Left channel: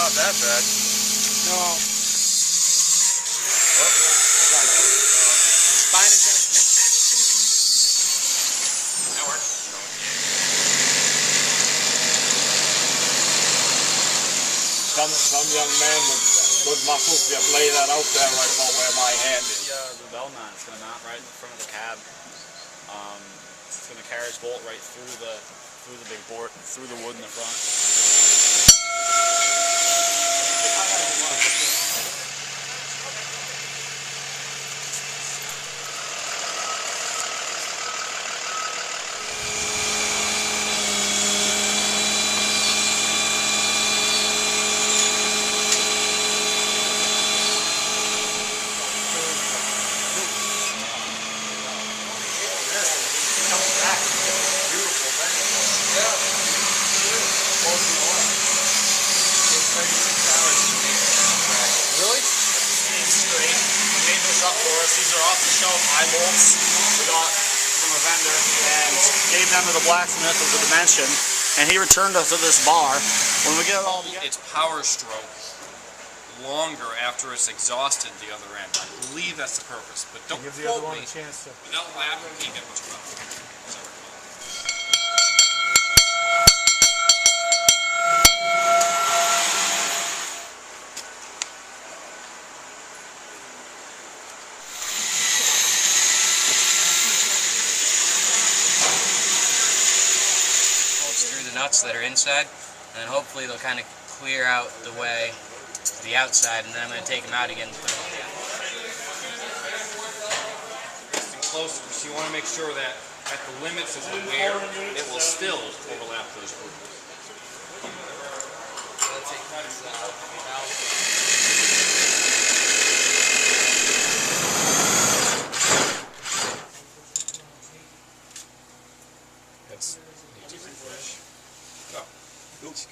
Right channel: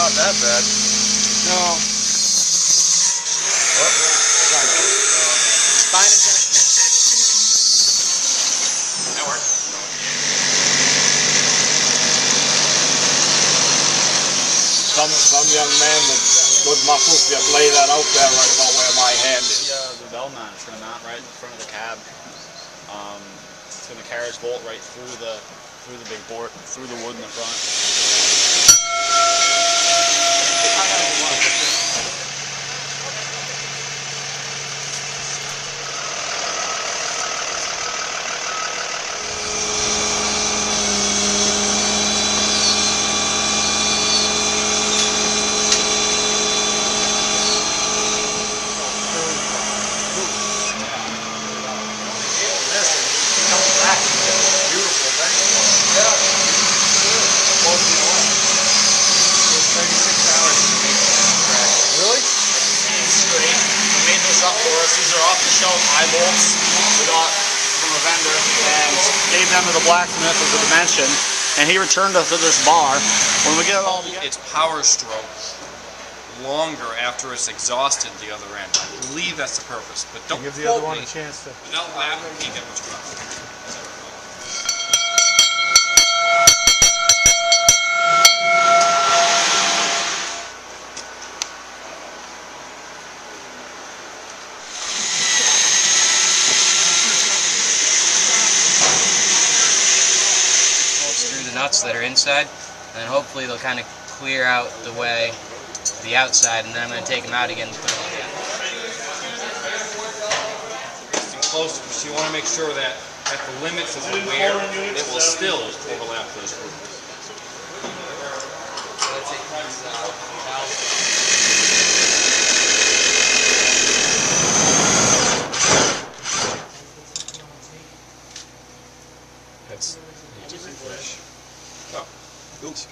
not that bad. No. Spine adjustment. That works. Some young man with good muscles just lay that out there right about where my hand is. The bell mount is going to mount right in the front of the cab. It's going to carriage bolt right through the big board, through the wood in the front. Up for us. These are off-the-shelf eye bolts we got from a vendor and gave them to the blacksmith as a dimension, and he returned us to this bar. When we get it all together, its power stroke longer after it's exhausted the other end. I believe that's the purpose, but don't give the other one a chance to. Without that, we can't get much power. As I recall. The nuts that are inside, and hopefully they'll kind of clear out the way the outside, and then I'm going to take them out again and put them again. Closer, so you want to make sure that at the limits of the wear, it will still overlap those grooves. That's oh. Oops.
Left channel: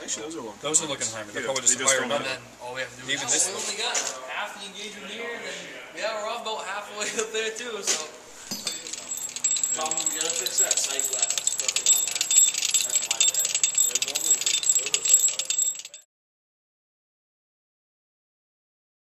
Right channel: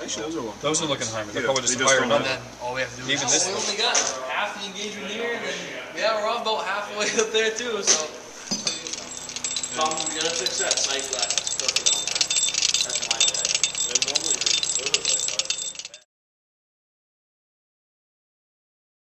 Actually, those are looking high. They're probably just higher than that. All we have to do Even is this. We only got half the engagement here, and then yeah, we're about halfway up there too. So, we gotta fix that sight glass.